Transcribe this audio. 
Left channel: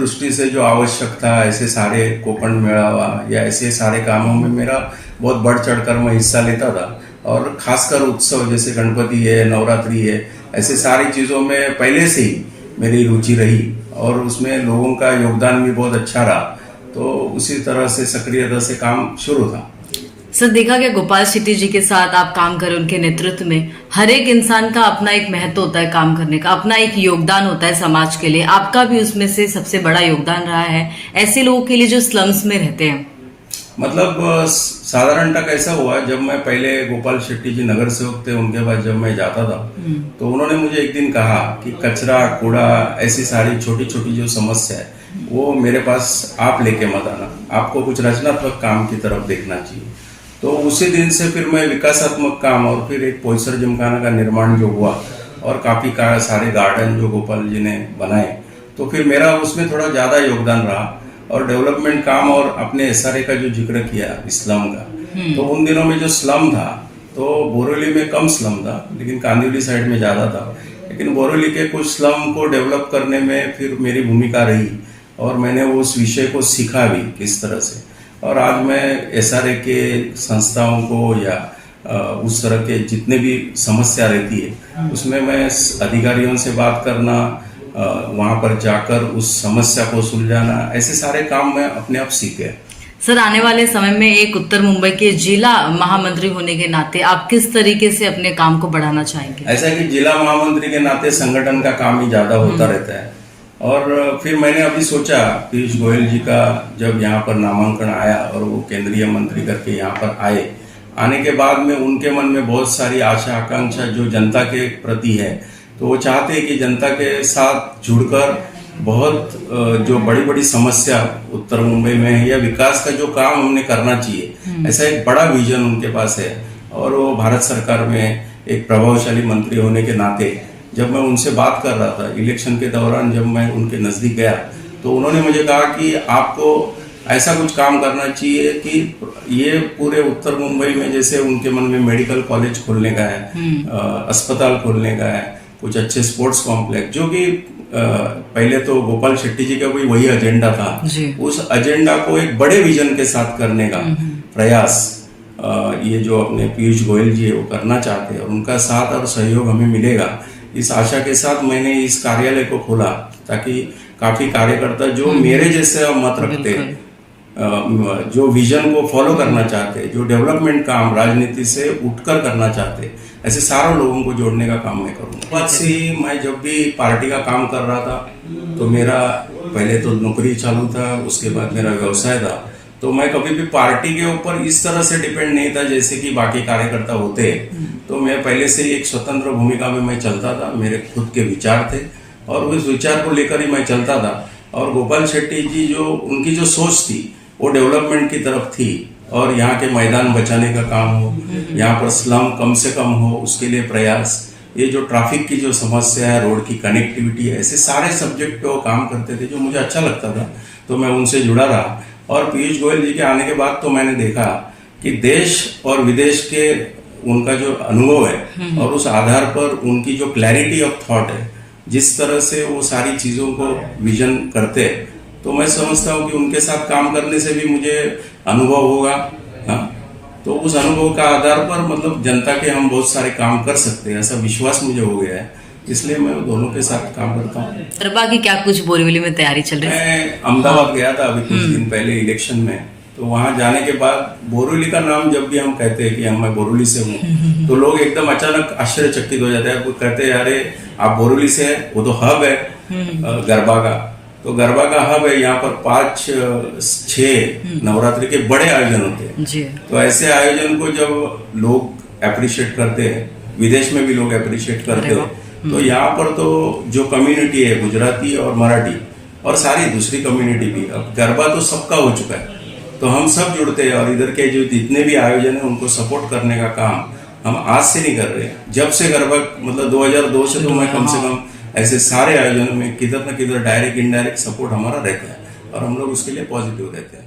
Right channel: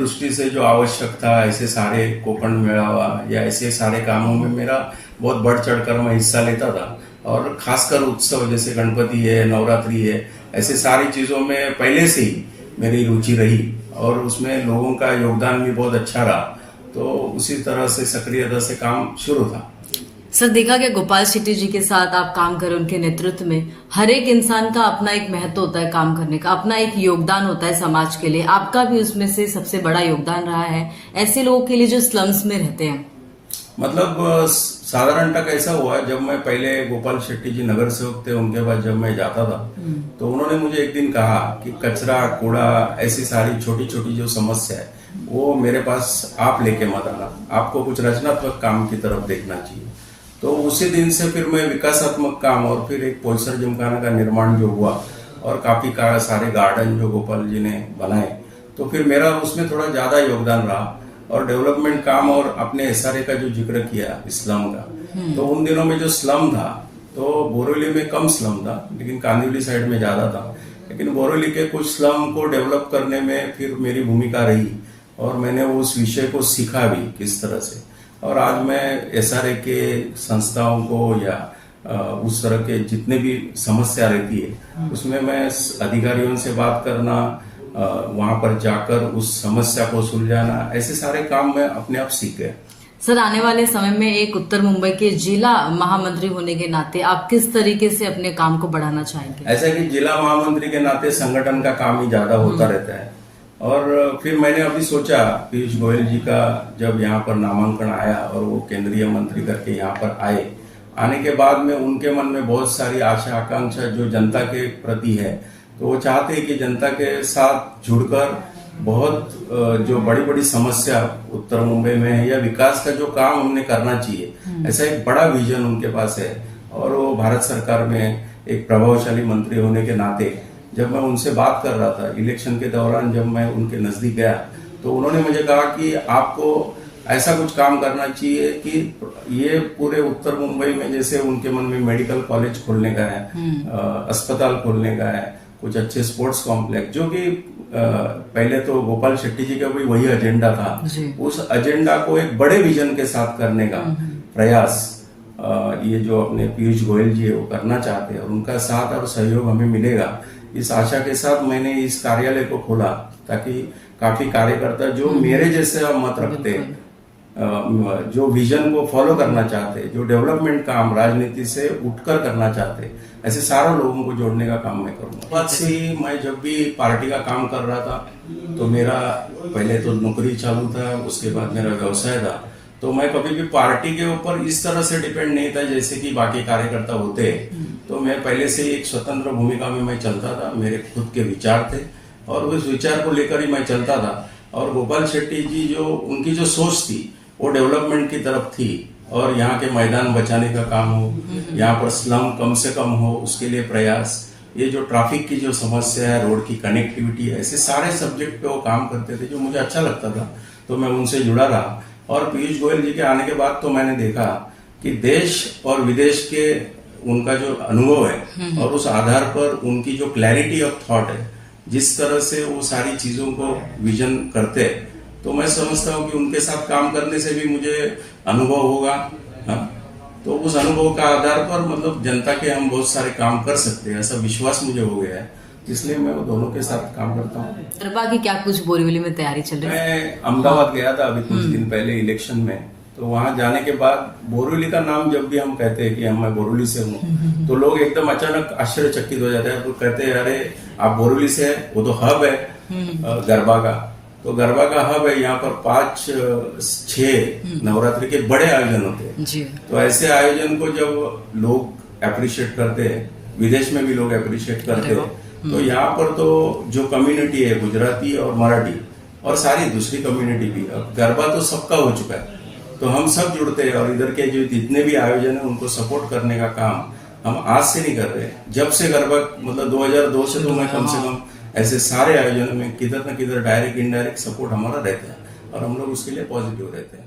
दृष्टि से जो आवश्यक था, ऐसे सारे कोकण मेळावा या ऐसे सारे कामों में मेरा बहुत बढ़ चढ़कर मैं हिस्सा लेता था। और खासकर उत्सव जैसे गणपति है, नवरात्रि है, ऐसे सारी चीज़ों में पहले से ही मेरी रुचि रही और उसमें लोगों का योगदान भी बहुत अच्छा रहा। तो उसी तरह से सक्रियता से काम शुरू था। सर, देखा गया गोपाल शेट्टी जी के साथ आप काम करें, उनके नेतृत्व में हर एक इंसान का अपना एक महत्व होता है, काम करने का अपना एक योगदान होता है समाज के लिए। आपका भी उसमें से सबसे बड़ा योगदान रहा है ऐसे लोगों के लिए जो स्लम्स में रहते हैं। मतलब साधारणतः कैसा हुआ, जब मैं पहले गोपाल शेट्टी जी नगर सेवक थे, उनके बाद जब मैं जाता था तो उन्होंने मुझे एक दिन कहा कि कचरा, कूड़ा, ऐसी सारी छोटी छोटी जो समस्या है वो मेरे पास आप लेके मत आना, आपको कुछ रचनात्मक काम की तरफ देखना चाहिए। तो उसी दिन से फिर मैं विकासात्मक काम और फिर एक पोलसर जिमखाना का निर्माण जो हुआ और काफी सारे गार्डन जो गोपाल जी ने बनाए, तो फिर मेरा उसमें थोड़ा ज्यादा योगदान रहा। और डेवलपमेंट काम और अपने एसआरए का जो जिक्र किया स्लम का, तो उन दिनों में जो स्लम था तो बोरीवली में कम स्लम था लेकिन कांदिवली साइड में ज्यादा था। लेकिन बोरीवली के कुछ स्लम को डेवलप करने में फिर मेरी भूमिका रही और मैंने उस विषय को सीखा भी किस तरह से। और आज मैं एसआरए के संस्थाओं को या उस तरह के जितने भी समस्या रहती है उसमें मैं अधिकारियों से बात करना, वहां पर जाकर उस समस्या को सुलझाना, ऐसे सारे काम मैं अपने आप सीख गया। सर, आने वाले समय में एक उत्तर मुंबई के जिला महामंत्री होने के नाते आप किस तरीके से अपने काम को बढ़ाना चाहेंगे? ऐसा कि जिला महामंत्री के नाते संगठन का काम ही ज्यादा होता रहता है। और फिर मैंने अभी सोचा, पीयूष गोयल जी का जब यहाँ पर नामांकन आया और वो केंद्रीय मंत्री करके यहाँ पर आने के बाद में उनके मन में बहुत सारी आशा आकांक्षा जो जनता के प्रति है, तो वो चाहते हैं कि जनता के साथ जुड़कर बहुत जो बड़ी बड़ी समस्या उत्तर मुंबई में है या विकास का जो काम हमने करना चाहिए, ऐसा एक बड़ा विजन उनके पास है। और वो भारत सरकार में एक प्रभावशाली मंत्री होने के नाते जब मैं उनसे बात कर रहा था इलेक्शन के दौरान, जब मैं उनके नजदीक गया तो उन्होंने मुझे कहा कि आपको ऐसा कुछ काम करना चाहिए कि ये पूरे उत्तर मुंबई में, जैसे उनके मन में मेडिकल कॉलेज खोलने का है, अस्पताल खोलने का है, कुछ अच्छे स्पोर्ट्स कॉम्प्लेक्स, जो कि पहले तो गोपाल शेट्टी जी का भी वही एजेंडा था, उस एजेंडा को एक बड़े विजन के साथ करने का प्रयास ये जो अपने पीयूष गोयल जी है वो करना चाहते हैं और उनका साथ और सहयोग हमें मिलेगा, इस आशा के साथ मैंने इस कार्यालय को खोला ताकि काफी कार्यकर्ता जो मेरे जैसे मत रखते, जो विजन को फॉलो करना चाहते, जो डेवलपमेंट काम राजनीति से उठकर करना चाहते, ऐसे सारे लोगों को जोड़ने का काम मैं करूँगा। बाद से मैं जब भी पार्टी का काम कर रहा था तो मेरा पहले तो नौकरी चालू था, उसके बाद मेरा व्यवसाय था, तो मैं कभी भी पार्टी के ऊपर इस तरह से डिपेंड नहीं था जैसे कि बाकी कार्यकर्ता होते। तो मैं पहले से एक स्वतंत्र भूमिका में मैं चलता था, मेरे खुद के विचार थे और उस विचार को लेकर ही मैं चलता था। और गोपाल शेट्टी जी जो उनकी जो सोच थी वो डेवलपमेंट की तरफ थी और यहाँ के मैदान बचाने का काम हो, यहाँ पर स्लम कम से कम हो उसके लिए प्रयास, ये जो ट्रैफिक की जो समस्या है, रोड की कनेक्टिविटी है, ऐसे सारे सब्जेक्ट पे वो काम करते थे जो मुझे अच्छा लगता था, तो मैं उनसे जुड़ा रहा। और पीयूष गोयल जी के आने के बाद तो मैंने देखा कि देश और विदेश के उनका जो अनुभव है और उस आधार पर उनकी जो क्लैरिटी ऑफ थॉट है, जिस तरह से वो सारी चीजों को विजन करते हैं, तो मैं समझता हूँ कि उनके साथ काम करने से भी मुझे अनुभव होगा। हाँ, तो उस अनुभव का आधार पर मतलब जनता के हम बहुत सारे काम कर सकते हैं, ऐसा विश्वास मुझे हो गया है, इसलिए मैं दोनों के साथ काम करता हूँ। बाकी क्या कुछ बोरीवली में तैयारी चल रही है? मैं अहमदाबाद गया था अभी कुछ दिन पहले इलेक्शन में, तो वहां जाने के बाद बोरीवली का नाम जब भी हम कहते हैं कि मैं बोरीवली से हूँ तो लोग एकदम अचानक आश्चर्यचकित हो जाते हैं। वो कहते हैं अरे आप बोरीवली से है, वो तो हब है गरबा का, तो गरबा का हब है, यहाँ पर 5-6 नवरात्रि के बड़े आयोजन होते हैं। तो ऐसे आयोजन को जब लोग अप्रिशिएट करते हैं, विदेश में भी लोग अप्रिशिएट करते हैं, तो यहाँ पर तो जो कम्युनिटी है गुजराती और मराठी और सारी दूसरी कम्युनिटी भी, अब गरबा तो सबका हो चुका है, तो हम सब जुड़ते हैं और इधर के जो जितने भी आयोजन है उनको सपोर्ट करने का काम हम आज से नहीं कर रहे हैं, जब से गरबा मतलब 2002 से तो मैं कम से कम ऐसे सारे आयोजनों में किधर न किधर डायरेक्ट इनडायरेक्ट सपोर्ट हमारा रहता है और हम लोग उसके लिए पॉजिटिव रहते हैं।